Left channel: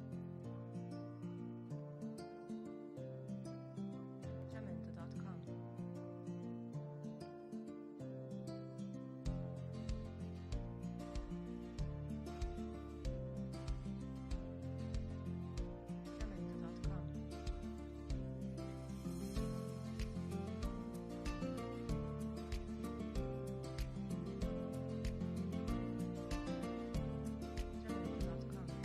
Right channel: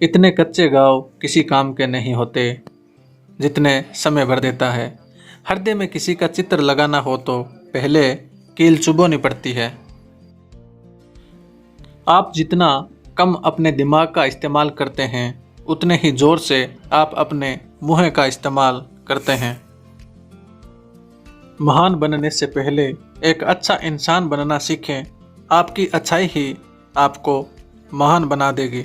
इतने कच्चे घाव किसी काम के नहीं होते जितने समय भर देता है। हृदय में किसी का चित्र लगाना हो तो पहले कील चुभोनी पड़ती है। आप जितना कम अपने दिमाग का इस्तेमाल करते हैं उतने ही जोर से आप अपने मुंह का इस्तेमाल करते हैं। महान बनने से पहले एक अच्छा इंसान बनना सीखें। आपकी अच्छाई ही आपको महान बना देगी।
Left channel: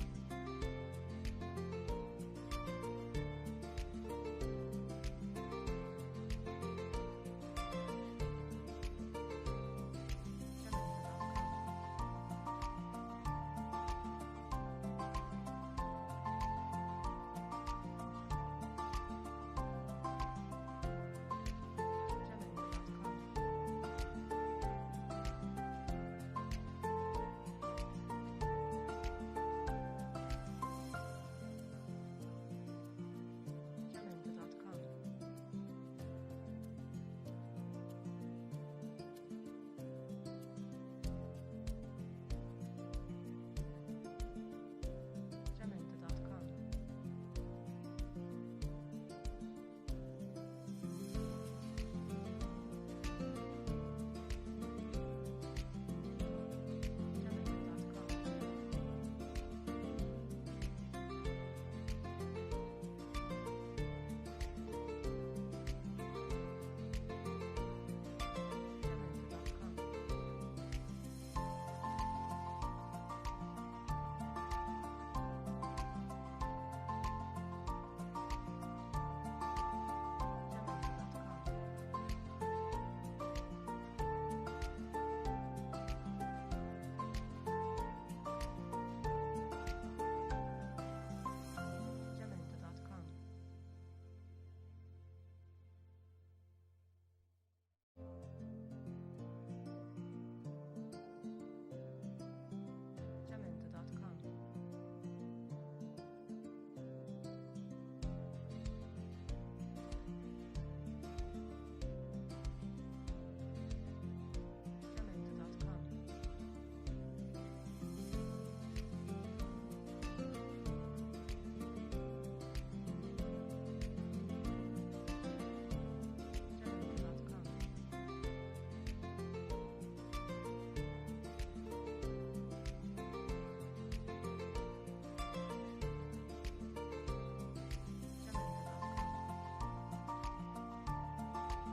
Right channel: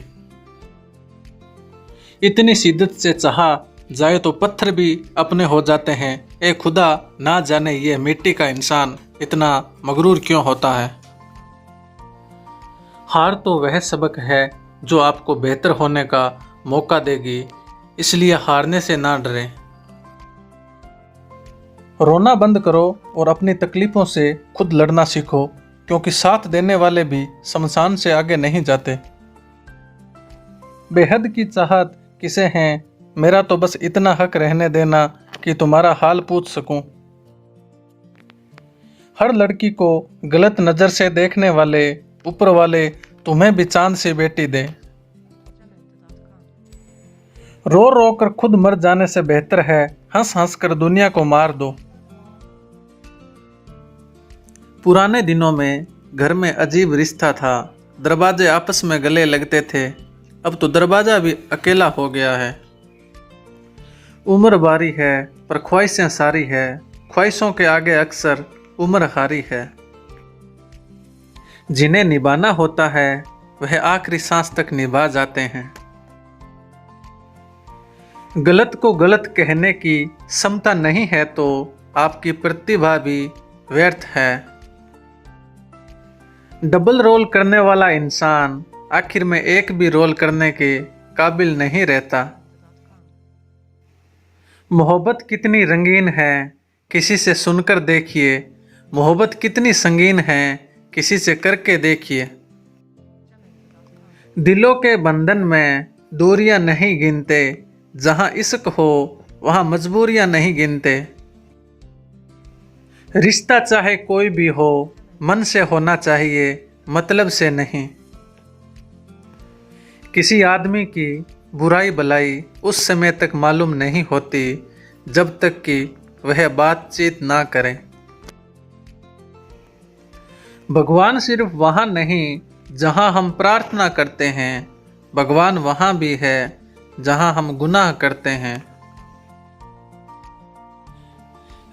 इतनी शिद्दत से चाहा जाए तो पत्थर भी अपने हो जाते हैं। ए खुदा, ना जाने ये मिट्टी का इंसान इतना मगरूर क्यों होता है। हार तो वह सबक है जो आपको बेहतर होने का मौका देगी, इसलिए हारने से ना डरें। रोना बंद करो और अपनी तकलीफों से खुद लड़ना सीखो, क्योंकि साथ देने वाले भी शमशान से आगे नहीं जाते। बेहद की चाहत किसे हैं, मेरा तो बस इतना हक रहने देना कि तुम्हारा हाल पूछ सकूं। हर लड़की को गलत नज़र से देखने वाले ऊपर वाले तुम्हें भी चांद सी बेटी दे। रो रो कर खुद मर जाने से बेहतर है हंस हंस कर दुनिया को मार दो। पुराने दिनों में घर में अजीब रिश्ता था। दरवाजे आपस में गले लगते थे। अब तो दरवाजा भी अकेला हो गया है। उम्र बारी है पर ख्वाहिशें सारी है। ख्वाहिशों के आगे अक्सर उम्र हारी है। जिन्हें निभाना होता है वह आखिरी सांस तक निभा जाते हैं। गलत को गलत कहने की क्षमता नहीं है तो आपकी प्रतिभा भी व्यर्थ है। डबल रोल करने वाला इंसान आखिर में एक भी रोल करने के काबिल नहीं रहता। मोहब्बत कितनी रंगीन है किसी से सुनकर देखिए, मोहब्बत कितनी संगीन है किसी से करके देखिए। दिलों के बंधन में दूरियां नहीं गिनते, जहां इश्क हो वहां मजबूरियां नहीं गिनते। रिश्ता चाहे कोई भी हो मन से होना चाहिए, मतलब से नहीं। किसी आदमी की बुराई भलाई उस समय तक मालूम नहीं होती जब तक कि वह बातचीत ना करें। भगवान सिर्फ वहाँ नहीं जहाँ हम प्रार्थना करते हैं, भगवान वहाँ भी है जहाँ हम गुनाह करते हैं।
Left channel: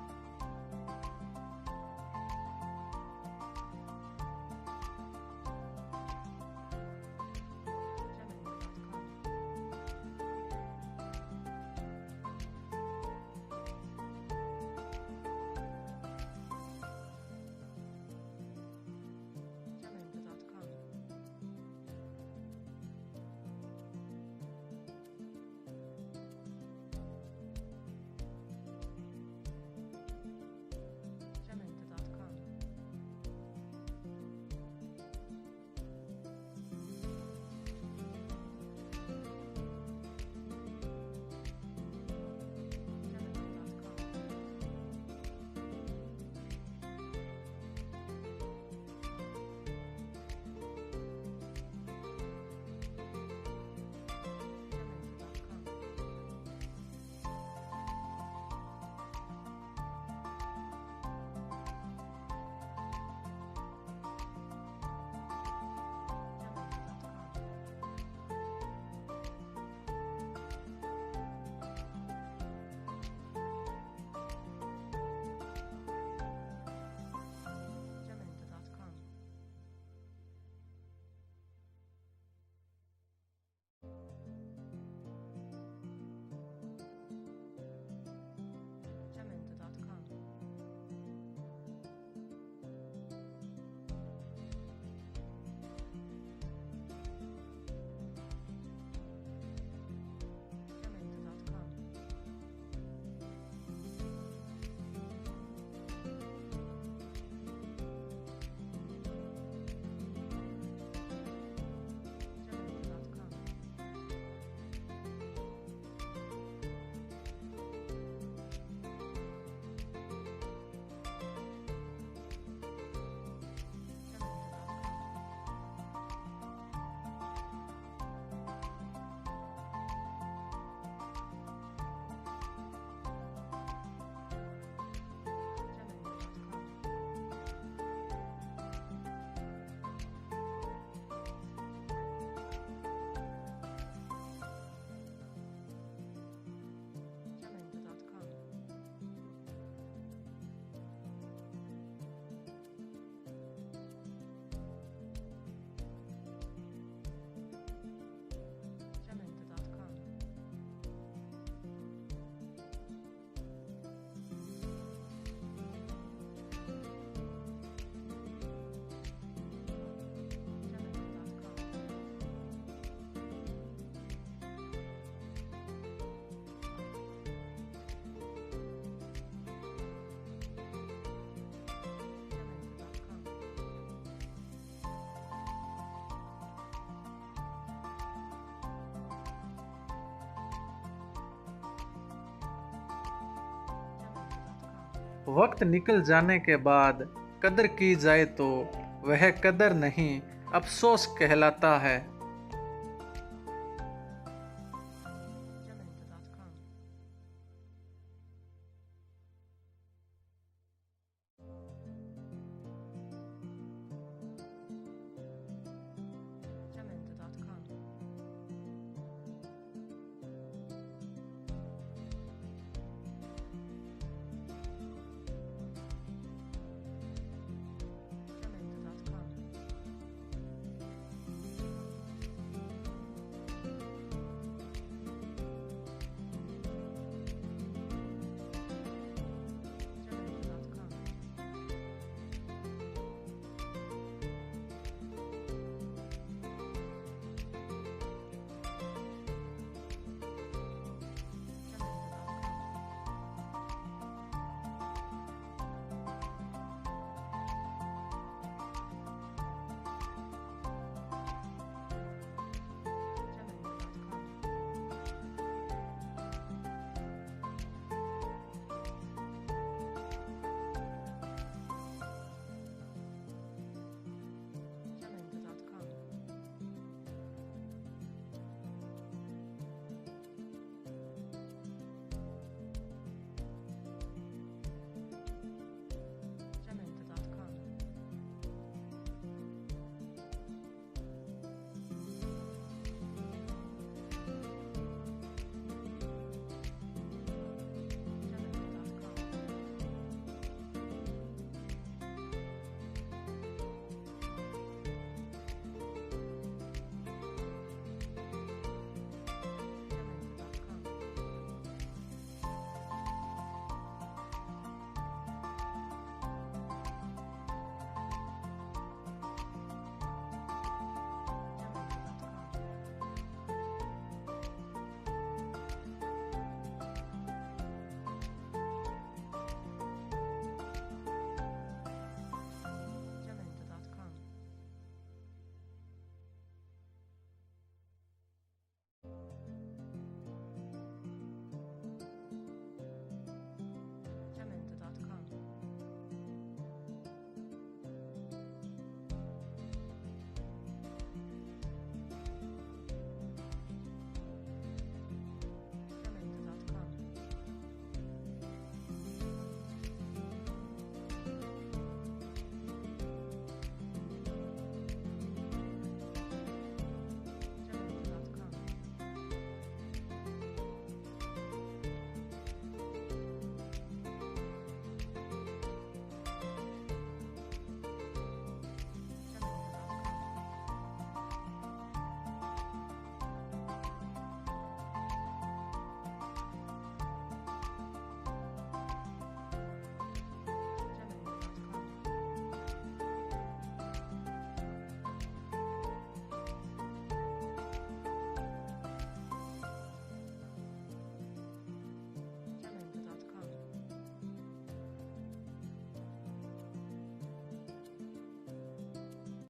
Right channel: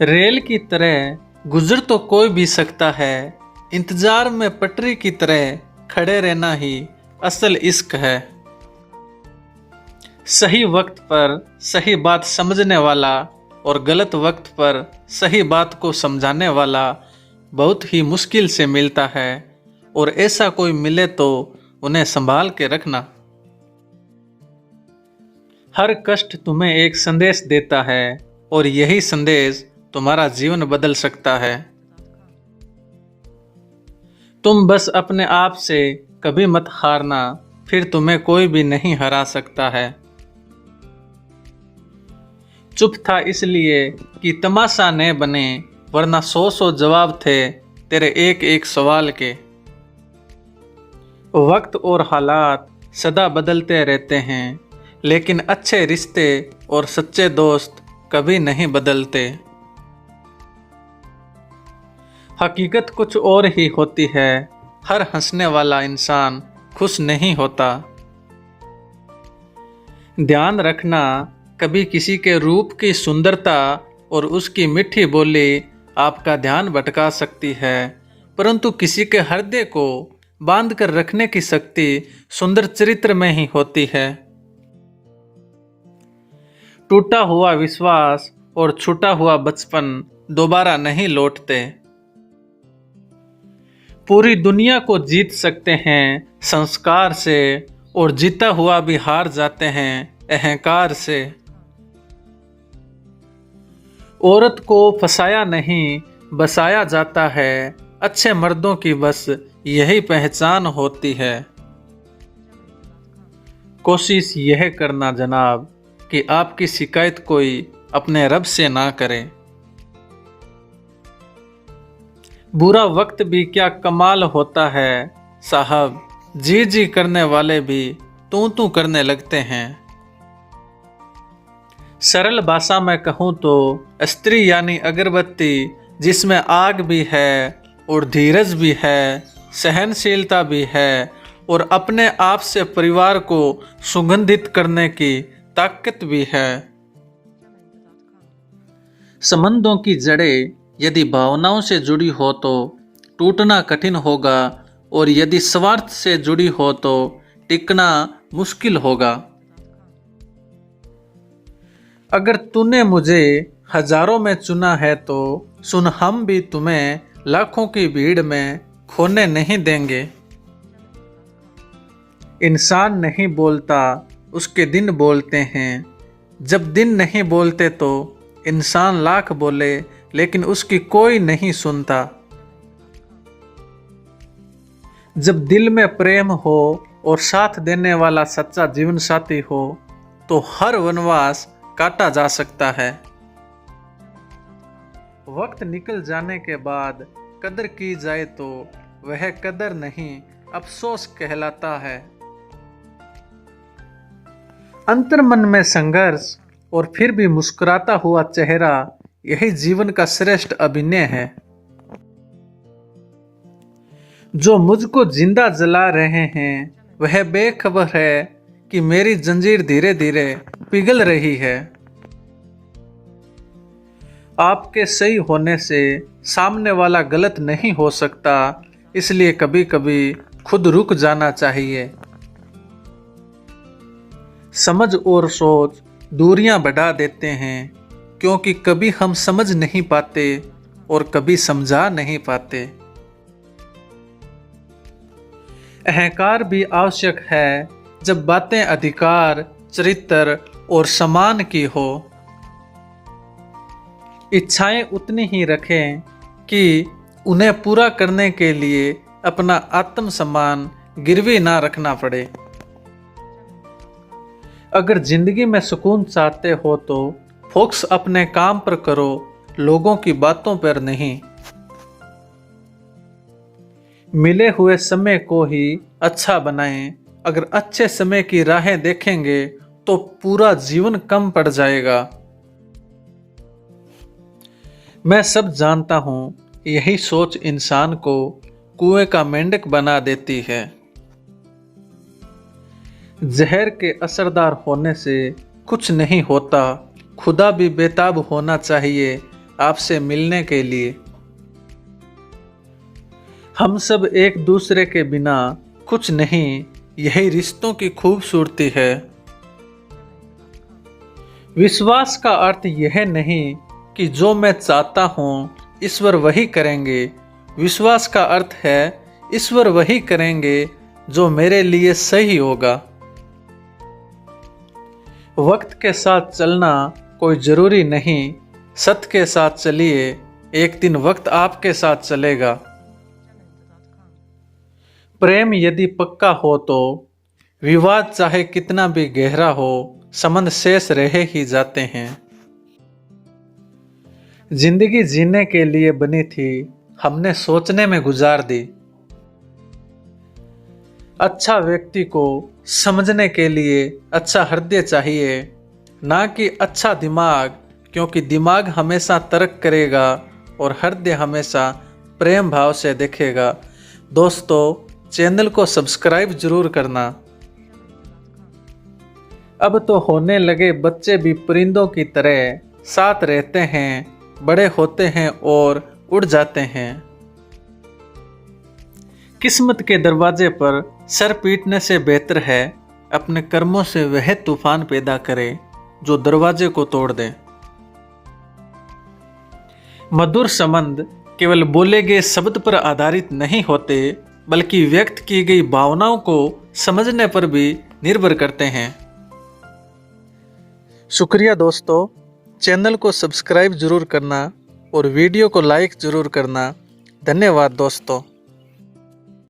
रेल की तरह गुजर तो कोई भी सकता है, इंतजार में पटरी की तरह खड़े रहना ही असल इश्क है। सही वक्त पर सही बात समझने वाला और गलत वक्त पर सही बात को समझाने वाला बहुत ही मुश्किल से मिलता है, और ऐसा कोई मिले तो उन्हें संभाल के रखना। हर कष्ट तुम्हें एक संदेश देता है और यही संदेश तुम्हारा जीवन बदल सकता है। तुम बस अपने आप से कभी मत हारना, फिर तुम्हें कोई भी नहीं हरा सकता है। चुप था इसलिए कि तमाशा न बने, वरना 100 जवाब थे तेरे एक एक सवाल के। वक्त और हालात सदा बदलते रहते हैं, लेकिन अच्छे रिश्ते और सच्चे दोस्त कभी नहीं बदलते। हकीकत कुछ और ही होती है, हर हंसने वाला इंसान खुश नहीं होता। ध्यान रखना, कभी किसी के रूप की सुंदरता और उसकी मीठी बोली आपका ध्यान भटका सकती है, परंतु किसी के हृदय को बांध कर रखने की शक्ति सुंदर चरित्र में ही होती है। टूटा हुआ विश्वास और छूटा हुआ बचपन दोबारा नहीं लौटते। पूरी दुनिया को जीत सकते हैं संस्कार से, और जीता हुआ भी हार जाते हैं अहंकार से। औरत को फसाया नहीं बसाया जाता है, अच्छे मर्दों की बस यही पहचान होती है। कोशिश यह करना जनाब कि आपकी शिकायत कोई अपने रब से ना करे। बुरा वक्त भी क्या कमाल होता है साहब, जी जी करने वाले भी तू तू करने लगते हैं। सरल भाषा में कहूँ तो स्त्री यानी अगरबत्ती जिसमें आग भी है और धीरज भी है, सहनशीलता भी है और अपने आप से परिवार को सुगंधित करने की ताकत भी है। संबंधों की जड़ें यदि भावनाओं से जुड़ी हो तो टूटना कठिन होगा और यदि स्वार्थ से जुड़ी हो तो टिकना मुश्किल होगा। अगर तूने मुझे हजारों में चुना है तो सुन, हम भी तुम्हें लाखों की भीड़ में खोने नहीं देंगे। इंसान नहीं बोलता, उसके दिन बोलते हैं। जब दिन नहीं बोलते तो इंसान लाख बोले लेकिन उसकी कोई नहीं सुनता। जब दिल में प्रेम हो और साथ देने वाला सच्चा जीवन साथी हो तो हर वनवास काटा जा सकता है। वक्त निकल जाने के बाद कदर की जाए तो वह कदर नहीं, अफसोस कहलाता है। अंतर्मन में संघर्ष और फिर भी मुस्कुराता हुआ चेहरा, यही जीवन का श्रेष्ठ अभिनय है। जो मुझको जिंदा जला रहे हैं वह बेखबर है कि मेरी जंजीर धीरे धीरे पिघल रही है। आपके सही होने से सामने वाला गलत नहीं हो सकता, इसलिए कभी कभी खुद रुक जाना चाहिए। समझ और सोच दूरियां बढ़ा देते हैं, क्योंकि कभी हम समझ नहीं पाते और कभी समझा नहीं पाते। अहंकार भी आवश्यक है जब बातें अधिकार, चरित्र और सम्मान की हो। इच्छाएं उतनी ही रखें कि उन्हें पूरा करने के लिए अपना आत्मसम्मान गिरवी ना रखना पड़े। अगर जिंदगी में सुकून चाहते हो तो फोकस अपने काम पर करो, लोगों की बातों पर नहीं। मिले हुए समय को ही अच्छा बनाएं। अगर अच्छे समय की राहें देखेंगे तो पूरा जीवन कम पड़ जाएगा। मैं सब जानता हूं, यही सोच इंसान को कुएं का मेंढक बना देती है। जहर के असरदार होने से कुछ नहीं होता, खुदा भी बेताब होना चाहिए आपसे मिलने के लिए। हम सब एक दूसरे के बिना कुछ नहीं, यही रिश्तों की खूबसूरती है। विश्वास का अर्थ यह नहीं कि जो मैं चाहता हूं ईश्वर वही करेंगे। विश्वास का अर्थ है ईश्वर वही करेंगे जो मेरे लिए सही होगा। वक्त के साथ चलना कोई जरूरी नहीं, सत्य के साथ चलिए, एक दिन वक्त आपके साथ चलेगा। प्रेम यदि पक्का हो तो विवाद चाहे कितना भी गहरा हो, संबंध शेष रह ही जाते हैं। जिंदगी जीने के लिए बनी थी, हमने सोचने में गुजार दी। अच्छा व्यक्ति को समझने के लिए अच्छा हृदय चाहिए, ना कि अच्छा दिमाग, क्योंकि दिमाग हमेशा तर्क करेगा और हृदय हमेशा प्रेम भाव से देखेगा। दोस्तों, चैनल को सब्सक्राइब जरूर करना। अब तो होने लगे बच्चे भी परिंदों की तरह, साथ रहते हैं, बड़े होते हैं और उड़ जाते हैं। किस्मत के दरवाजे पर सर पीटने से बेहतर है अपने कर्मों से वह तूफान पैदा करे जो दरवाजे को तोड़ दे। मधुर संबंध केवल बोले गए शब्द पर आधारित नहीं होते, बल्कि व्यक्त की गई भावनाओं को समझने पर भी निर्भर करते हैं। शुक्रिया दोस्तों, चैनल को सब्सक्राइब जरूर करना और वीडियो को लाइक जरूर करना। धन्यवाद दोस्तों।